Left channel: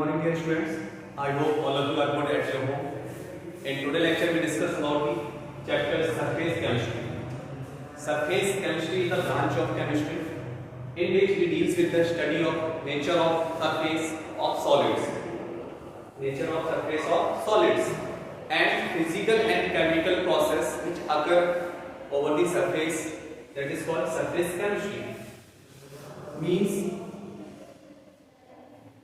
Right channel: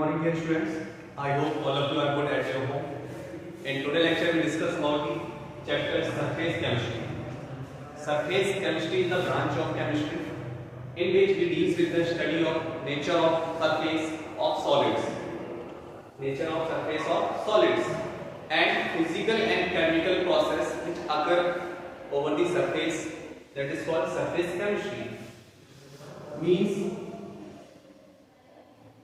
morning dear students. I hope all of you are good at your home. In today's lecture we discuss about the chapter surface chemistry. Surface chemistry is a branch of chemistry in which it deals with the study of nature of surface of solids. Nature of surface of solids and physical and chemical process which occur over the surface, that is called surface chemistry. Means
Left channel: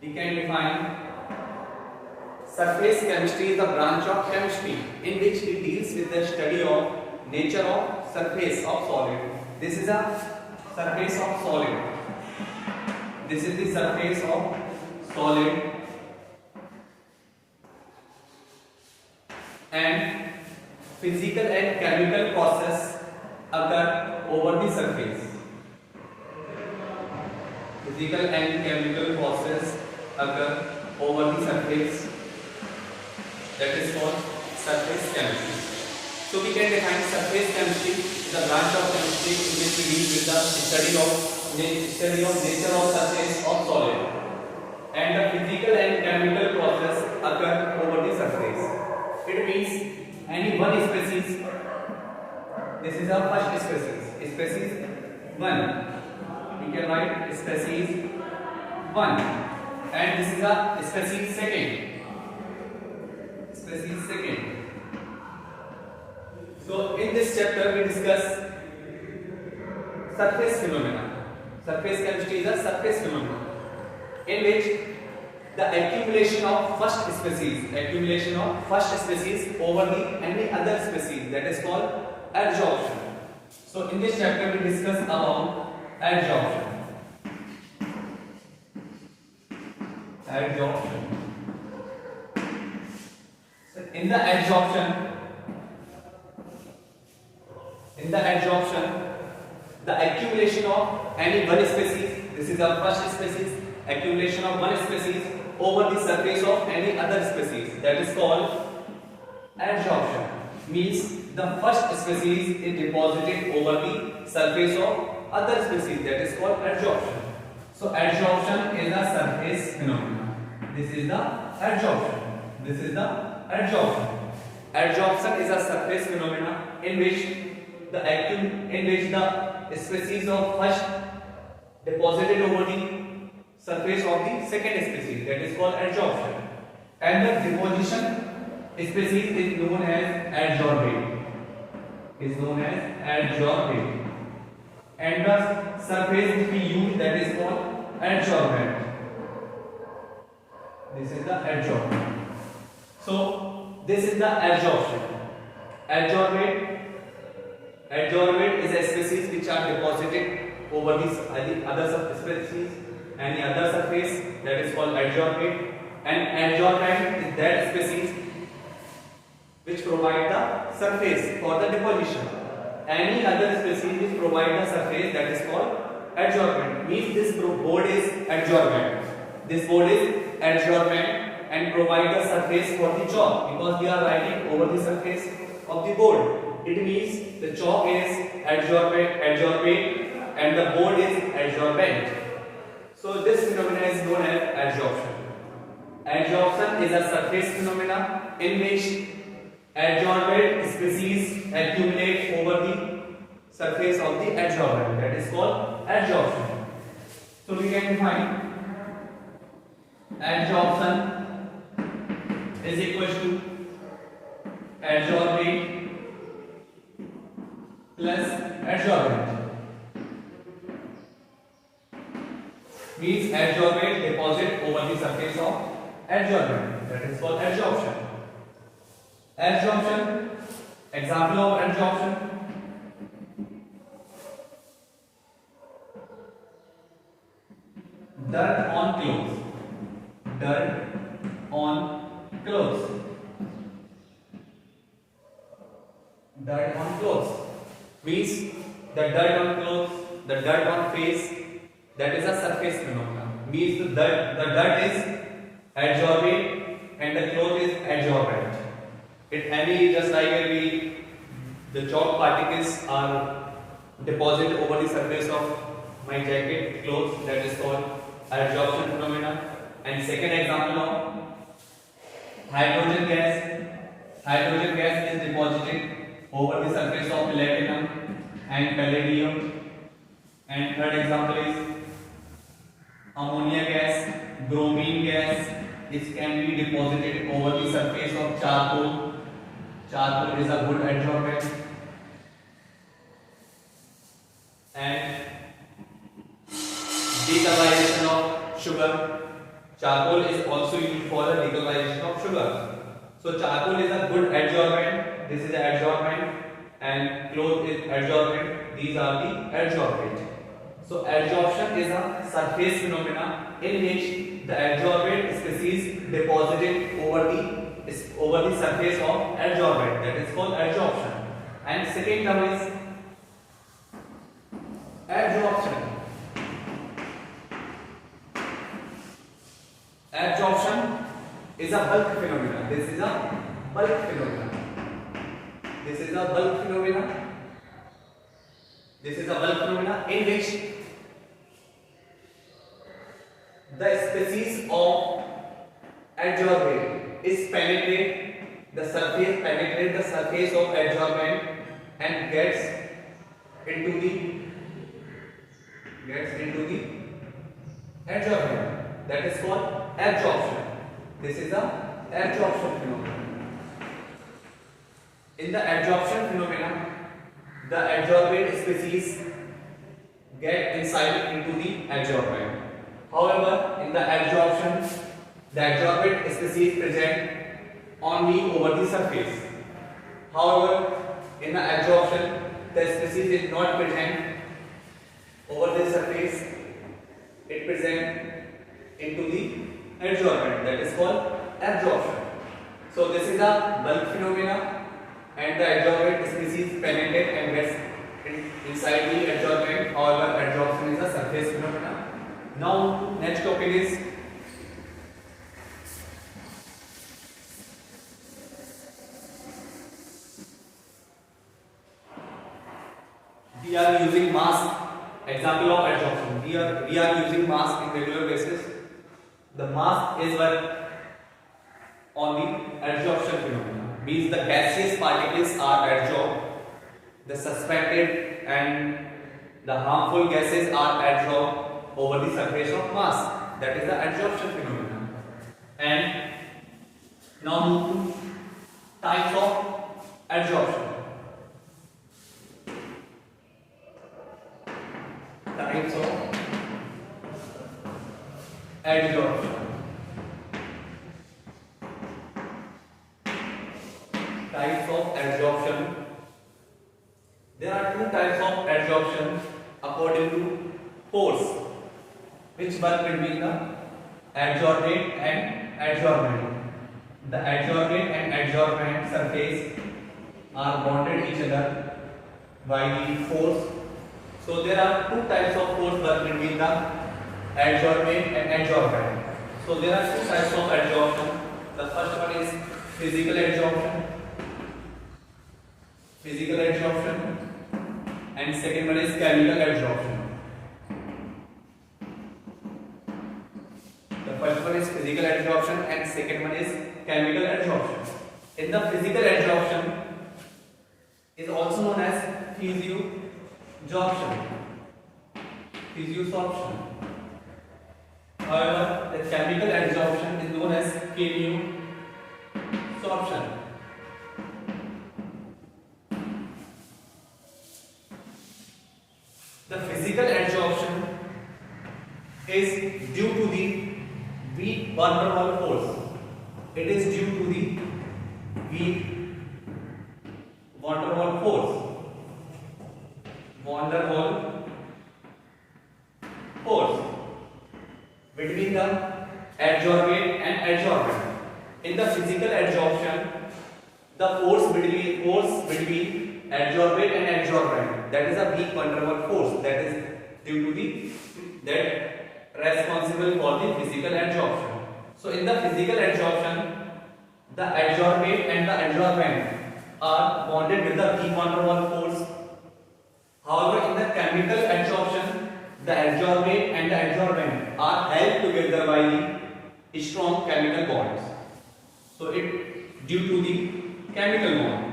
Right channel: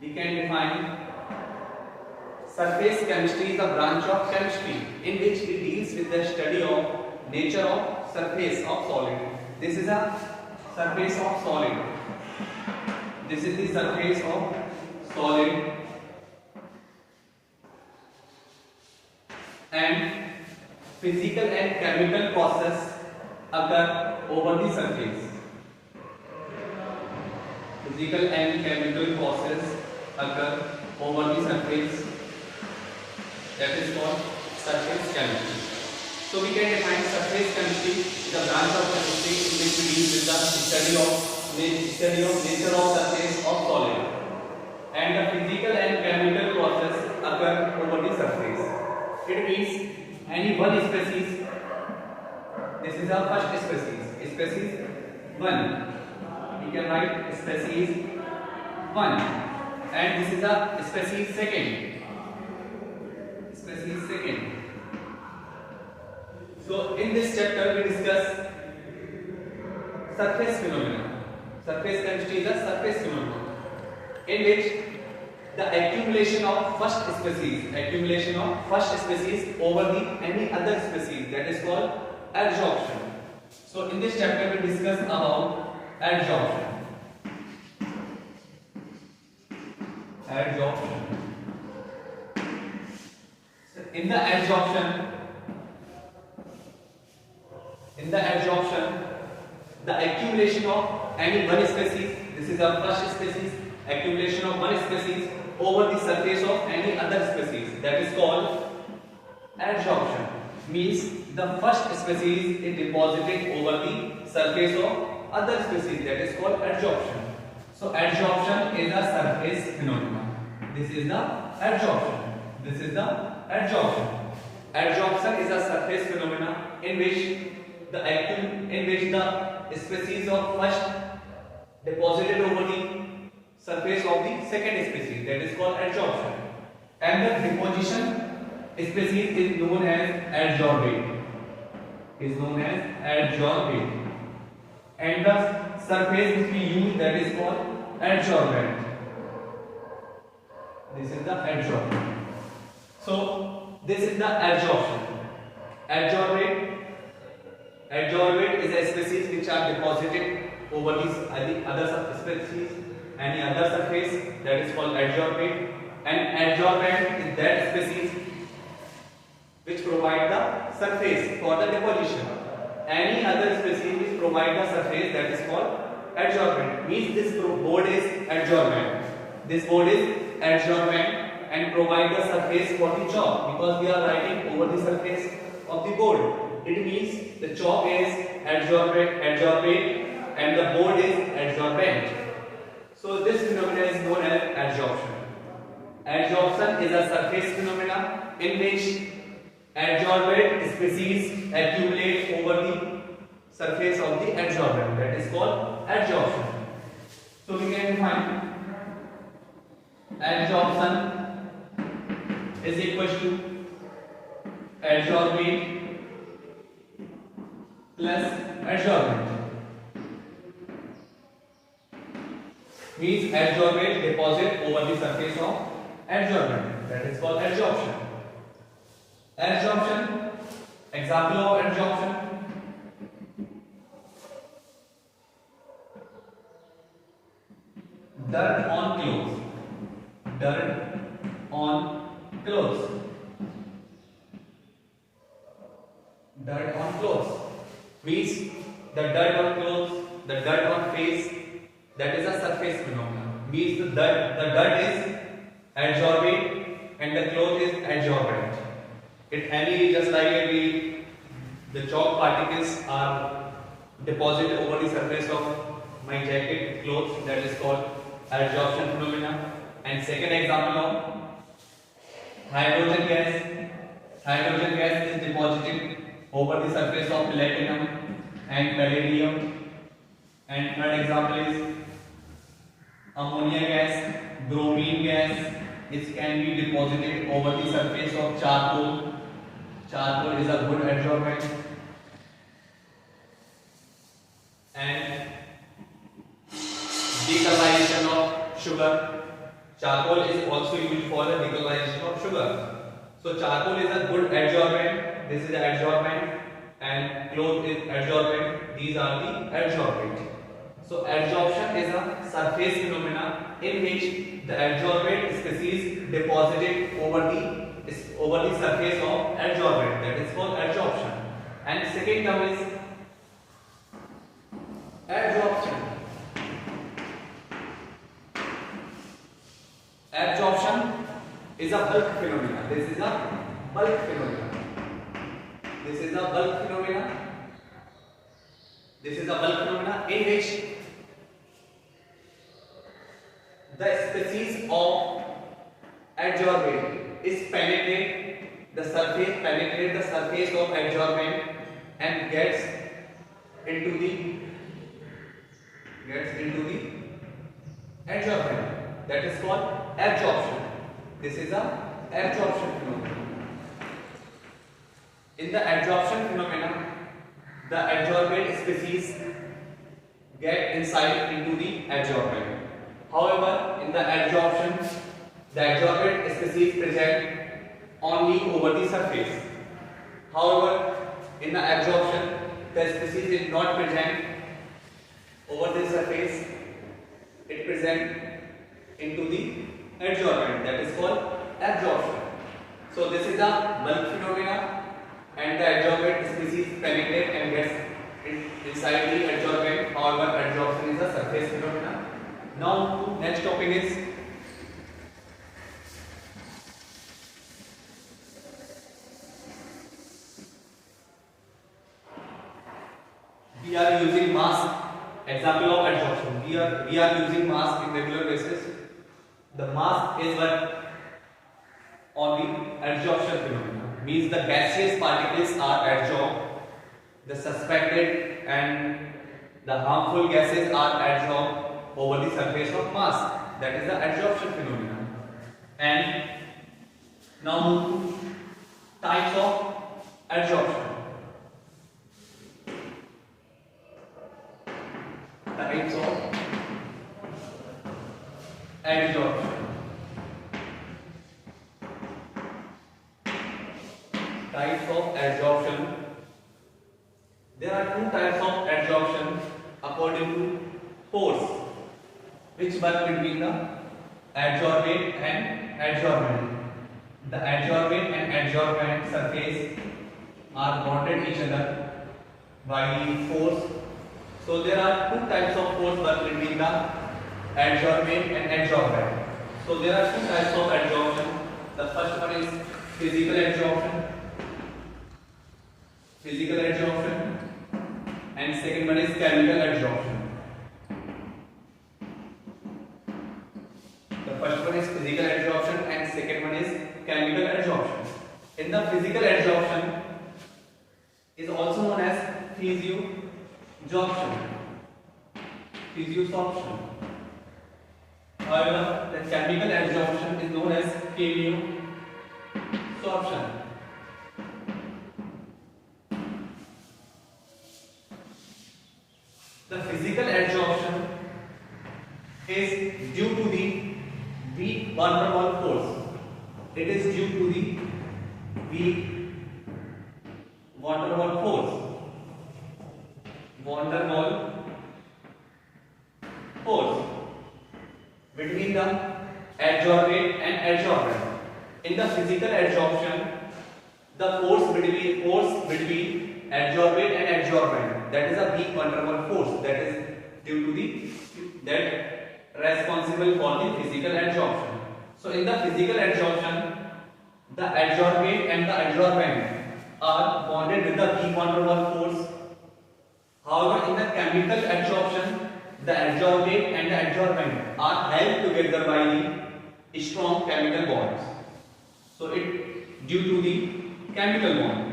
we can define surface chemistry is a branch of chemistry in which it deals with the study of nature of surface of solid. This is a surface of solid. This is the surface of solid and physical and chemical process occur over the surface. Physical and chemical process occur over the surface, that is called surface chemistry. So we can define surface chemistry is a branch of chemistry in which we deal with the study of nature of surface of solid and the physical and chemical process occur over the surface. It means any one species. This is our first species, species 1. We can write species 1, and this is a species 2. Species 2. So in this chapter we discuss surface phenomena. Surface chemistry is a surface phenomenon in which the accumulation of first species over the any other species, that is called adsorption. So in this chapter we discuss about adsorption. So in the adsorption, the accumulation of any one species, this is our first species, accumulation of one species over the surface of any other species, that is called adsorption. Means the first species is deposited over the surface of other species, that is called adsorption. So adsorption is a surface phenomenon. This is the adsorption. Adsorption is a surface phenomenon in which the species of first deposited over the surface of the second species, that is called adsorption, and the deposition species is known as adsorbate. And the surface which we use, that is called adsorbent. This is the adsorbent. So this is the adsorption. Adsorbate is a species which are deposited over these other species, any other surface, that is called adsorbate, and adsorbent is that species which provide the surface for the deposition. Any other species which provide the surface, that is called adsorbent. Means this board is adsorbent. And provide the surface for the chalk, because we are writing over the surface of the board. It means the chalk is adsorbate and the board is adsorbent. So this phenomenon is known as adsorption. Adsorption is a surface phenomenon in which adsorbate species accumulate over the surface of the adsorbent, that is called adsorption. So we can define adsorption is equal to adsorbate plus adsorbent. Means adsorbate deposit over the surface of adsorbent, that is called adsorption. Adsorption, example of adsorption: dirt on clothes. Dirt on clothes means the dirt on face, that is a surface phenomenon. Means the dirt is adsorbate and the cloth is adsorbent. Just like the chalk particles are deposited over the surface of my jacket clothes, that is called adsorption phenomena, And second example of hydrogen gas. Hydrogen gas is deposited over the surface of platinum and palladium. And third example is ammonia gas, bromine gas. It can be deposited over the surface of charcoal. Charcoal is a good adsorbent. And decolorization of sugar. Charcoal is also used for the decolorization of sugar. So charcoal is a good adsorbent. This is the adsorbent, and cloth is adsorbent. These are the adsorbents. So adsorption is a surface phenomena in which the adsorbent species deposited over the surface of adsorbent. That is called adsorption. And second term is adsorption. Adsorption is a bulk phenomena. This is a bulk phenomena. This is a bulk phenomena. This is a bulk phenomena in which the species of adsorbent is penetrate the surface of adsorbent and gets into the adsorbent. That is called adsorption. This is a adsorption phenomenon. In the adsorption phenomenon, the adsorbent species get inside into the adsorbent. However, in the adsorption, the adsorbent species present only over the surface. However, in the adsorption, the species is not present over the surface. It present into the adsorbent. That is called absorption. So this is a bulk phenomena, and the adsorbent species penetrate and gets inside the adsorbent. However, adsorption is a surface phenomena. Now, next topic is we are using mass. Example of adsorption. We are using mass in regular basis. The mass is what on the adsorption phenomena. Means the gaseous particles are adsorbed. The suspected and the harmful gases are adsorbed over the surface of mass. That is the adsorption phenomenon. And now move to types of adsorption. Types of adsorption. Types of adsorption. There are two types of adsorption according to force, which work between the adsorbent and adsorbent. The adsorbent and adsorbent surface are bonded each other by the force. So there are two types of force work between the adsorbent and adsorbent. So there are two types of adsorption. The first one is physical adsorption. And second one is chemical adsorption. First one is physical adsorption and second one is chemical adsorption. In the physical adsorption is also known as physiosorption. However, the chemical adsorption is known as chemiosorption. The physical adsorption is due to the weak van der Waals force. It is due to the weak van der Waals force. Van der Waals force between the adsorbent and adsorbent. In the physical adsorption, the force between adsorbent and adsorbent, that is a weak van der Waals force, that is due to that responsible for the physical adsorption. So in the physical adsorption, the adsorbent and the adsorbent are bonded with the weak van der Waals force. However, in the chemical adsorption, the adsorbent and the adsorbent are held together by the strong chemical bonds. So it due to the chemical bond,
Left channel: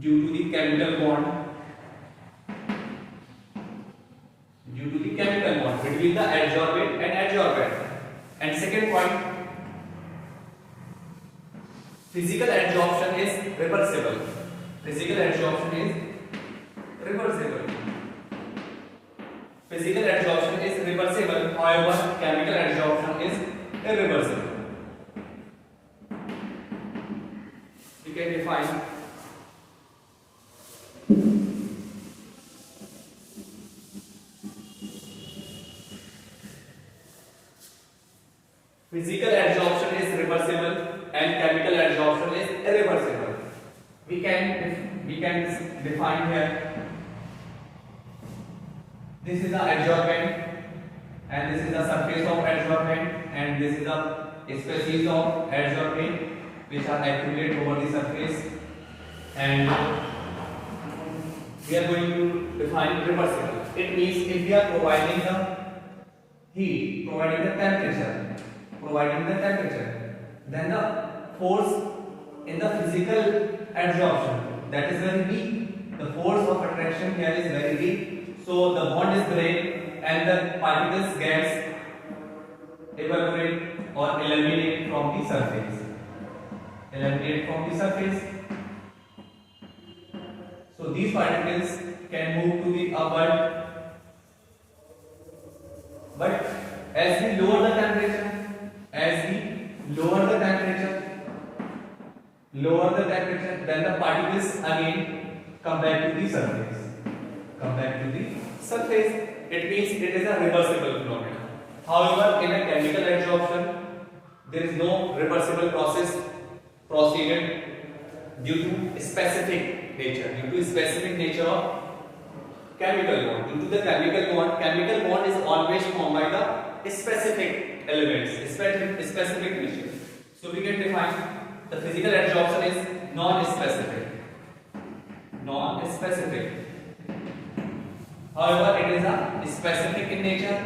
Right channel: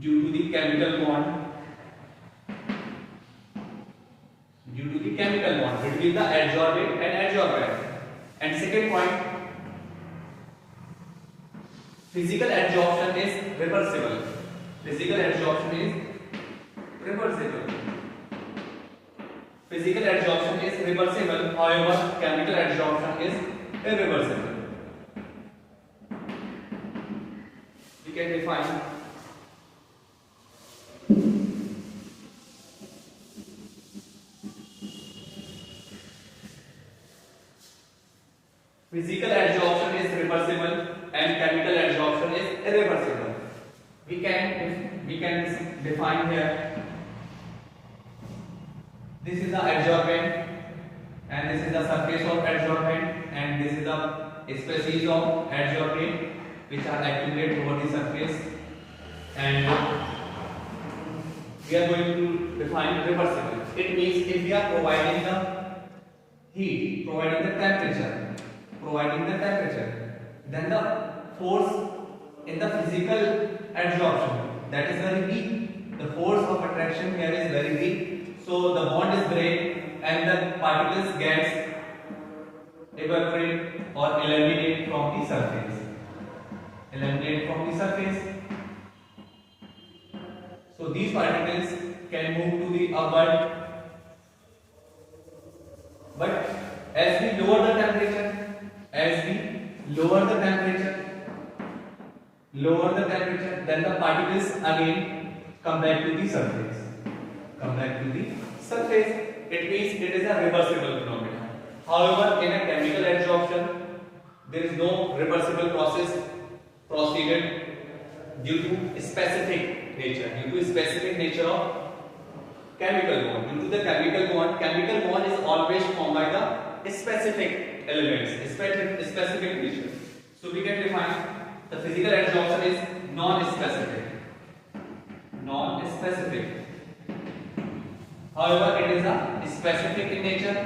due to the chemical bond, due to the chemical bond between the adsorbate and adsorbent. And second point, physical adsorption is reversible. Physical adsorption is reversible. Physical adsorption is reversible, however, chemical adsorption is irreversible. We can define physical adsorption is reversible and chemical adsorption is irreversible. We can define here. This is the adsorbent and this is the surface of adsorbent and this is the species of adsorbent which are accumulated over the surface, and we are going to define reversible. It means if we are providing the heat, providing the temperature, then the force in the physical adsorption, that is very weak. The force of attraction here is very weak. So the bond is break and the particles gets evaporate or eliminate from the surface. So these particles can move to the upward, but as we lower the temperature, then the particles again come back to the surface. It means it is a reversible phenomenon. However, in a chemical adsorption, there is no reversible process proceeded due to specific nature of chemical bond. Due to the chemical bond is always formed by the specific elements, specific nature. So we can define the physical adsorption is non-specific. However, it is a specific in nature.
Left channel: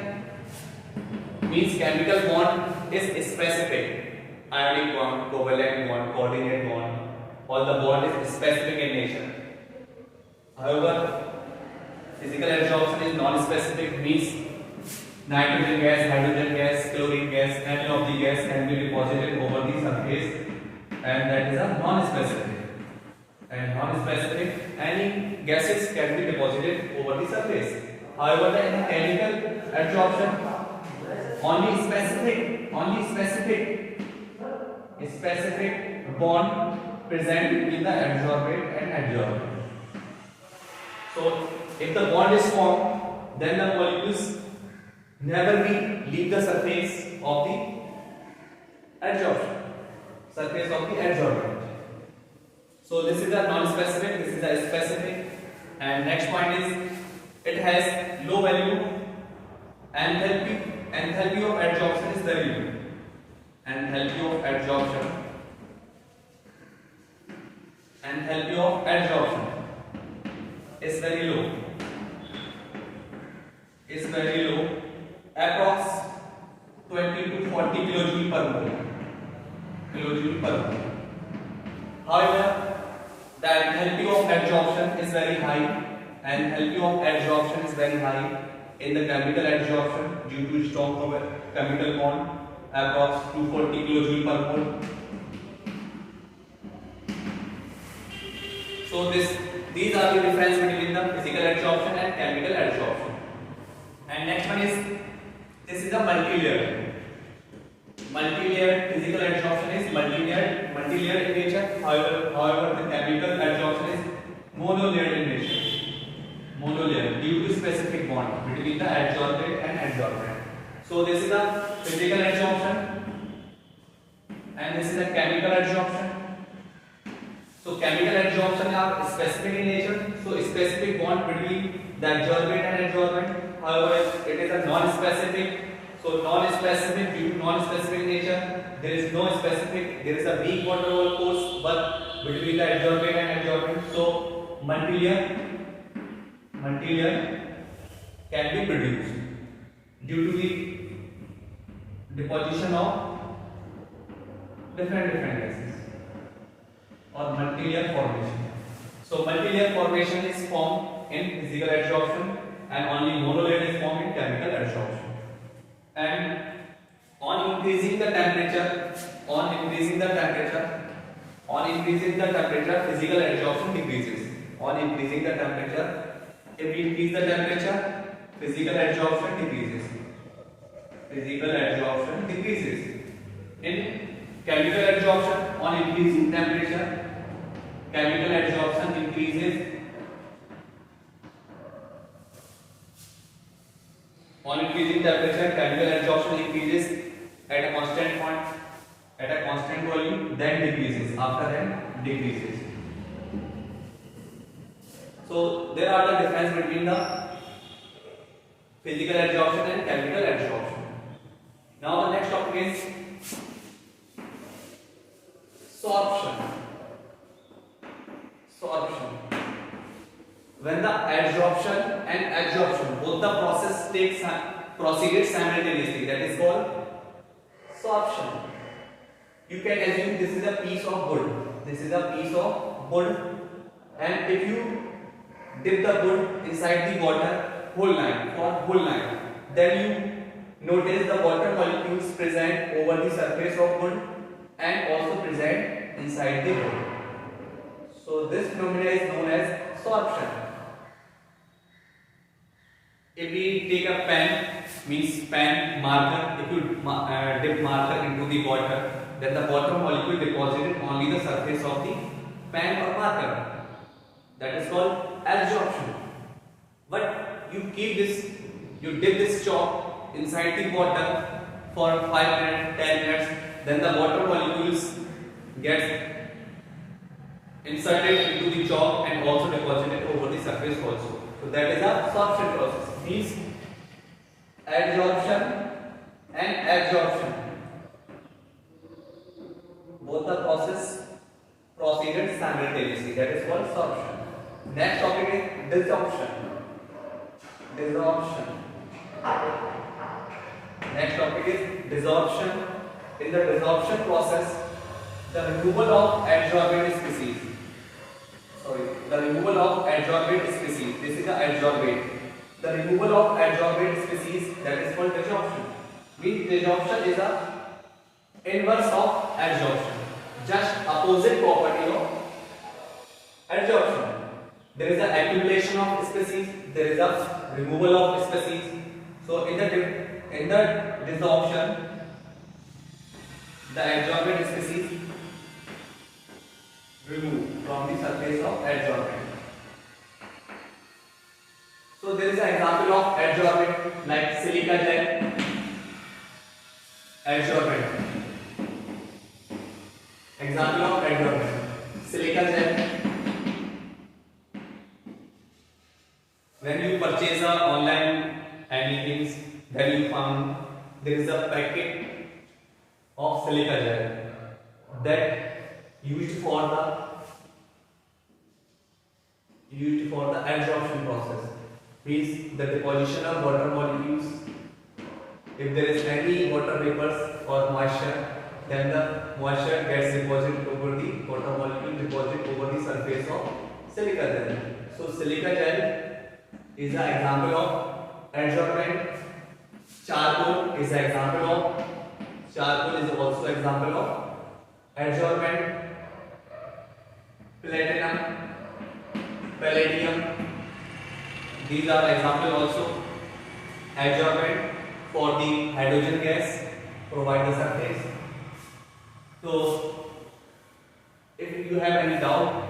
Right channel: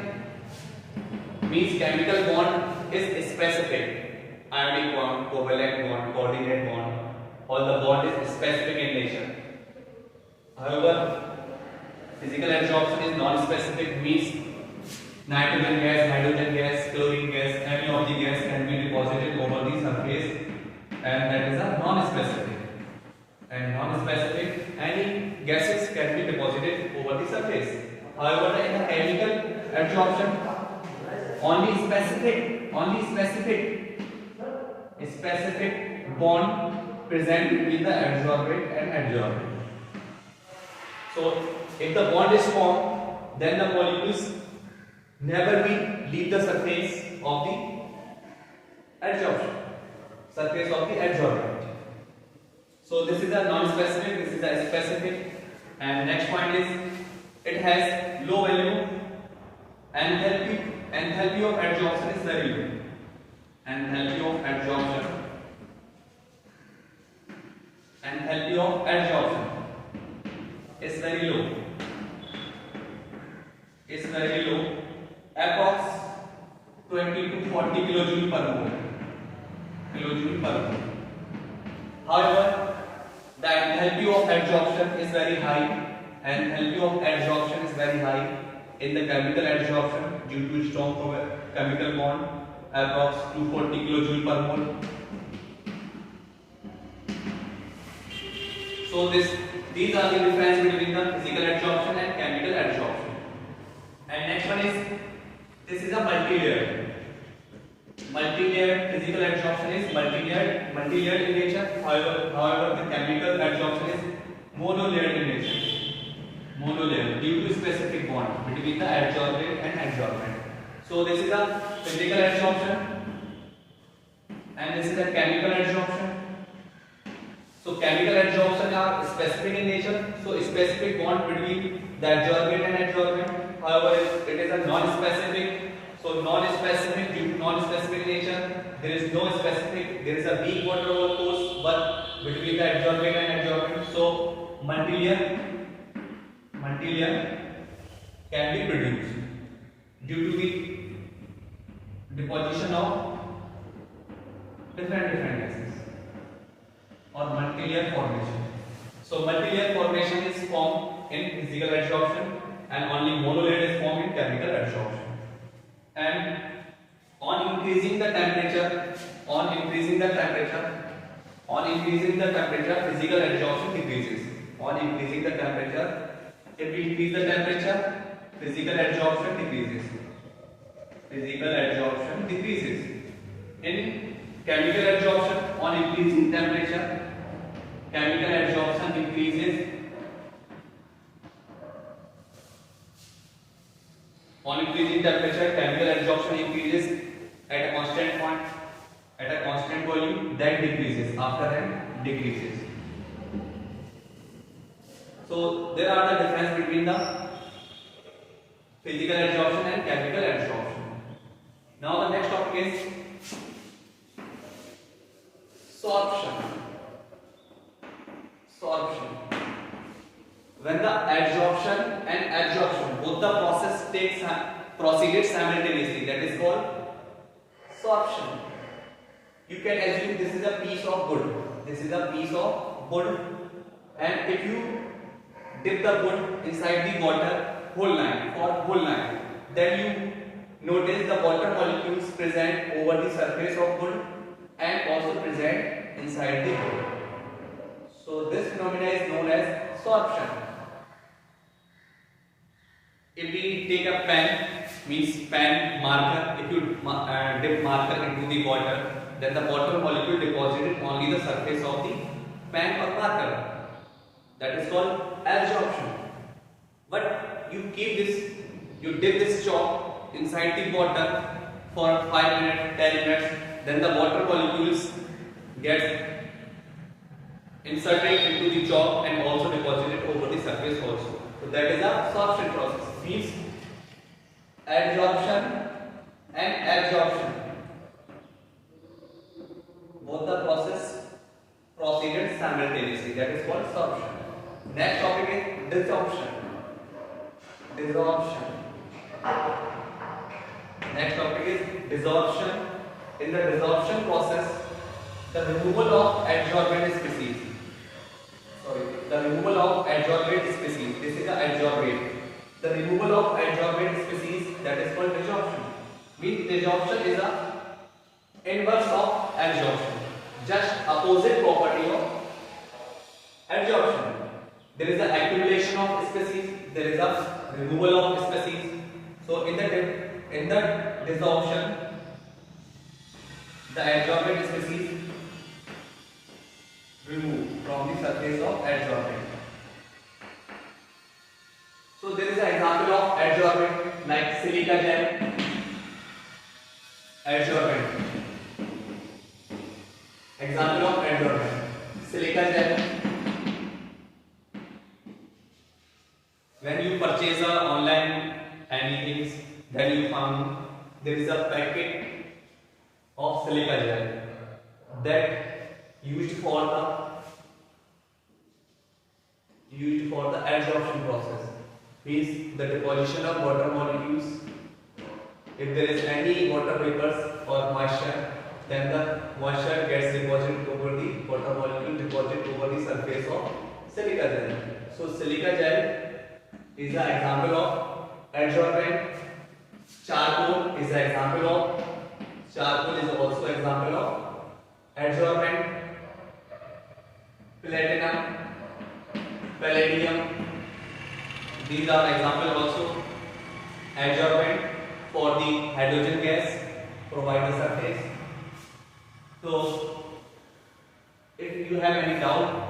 Means chemical bond is specific. Ionic bond, covalent bond, coordinate bond. All the bond is specific in nature. However, physical adsorption is non-specific. Means nitrogen gas, hydrogen gas, chlorine gas, any of the gas can be deposited over the surface, and that is a non-specific. And non-specific, any gases can be deposited over the surface. However, in a chemical adsorption, only specific bond present between the adsorbate and adsorbent. So, if the bond is formed, then the molecules never will leave the surface of the adsorbent. So this is a non-specific, this is a specific, and next point is it has low value, and enthalpy of adsorption is very low. Enthalpy of adsorption is very low. Approx 20 to 40 kilojoule per mole. However, the enthalpy of adsorption is very high. In the chemical adsorption due to strong chemical bond, approx 240 kilojoule per mole. So these are the difference between the physical adsorption and chemical adsorption. And next one is, this is a multi-layered. Physical adsorption is multi-layered in nature. However, the chemical adsorption is monolayered in nature. Due to specific bond between the adsorbate and adsorbent. So this is a physical adsorption and this is a chemical adsorption. So chemical adsorption are specific in nature. So specific bond between the adsorbate and adsorbent. However, it is a non-specific. So non-specific, due to non-specific nature, there is no specific. There is a weak van der Waals force, but between the adsorbate and adsorbent. So multi-layer can be produced due to deposition of different gases or multi-layer formation. So multi-layer formation is formed in physical adsorption and only monolayer is formed in chemical adsorption. And on increasing the temperature, physical adsorption decreases. On increasing the temperature, if we increase the temperature, physical adsorption decreases. In chemical adsorption, on increasing temperature, chemical adsorption increases. On increasing temperature, chemical adsorption increases at a constant point, at a constant volume, then decreases. After that, decreases. So there are the difference between the physical adsorption and chemical adsorption. Now the next topic is sorption. When the adsorption and absorption, both the proceeded simultaneously, that is called sorption. You can assume this is a piece of wood. And if you dip the wood inside the water whole night, then you notice the water molecules present over the surface of wood and also present inside the wood. So this phenomena is known as sorption. If we take a pen marker, if you dip marker into the water, then the water molecule deposited only the surface of the pen or marker. That is called absorption. But you dip this chalk inside the water for 5 minutes, 10 minutes, then the water molecules get inserted into the chalk and also deposited over the surface also. So that is a sorption process. Means adsorption and absorption, both the process proceeded simultaneously. That is called sorption. Next topic is desorption. Next topic is desorption. In the desorption process, the removal of adsorbent species. This is the adsorbate. The removal of adsorbate species, that is called desorption. Means desorption is the inverse of adsorption, just opposite property of adsorption. There is the accumulation of species, there is a removal of species. So in the desorption, the adsorbent species removed from the surface of adsorbent. So there is an example of adsorbent like silica gel, adsorbent. Example of adsorbent, silica gel. When you purchase online anything, then you found there is a packet of silica gel that used for the adsorption process. Means the deposition of water molecules. If there is any water vapors or moisture, then the moisture gets deposited over the water molecule, deposited over the surface of silica gel. So silica gel is an example of adsorbent. Charcoal is also example of adsorbent. Platinum, palladium, these are example also adsorbent for the hydrogen gas provide the surface. So if you have any doubt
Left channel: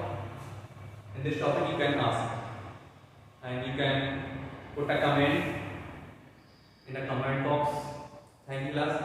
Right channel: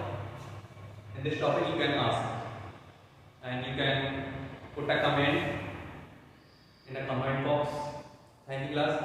in this topic, you can ask and you can put a comment in the comment box. Thank you class.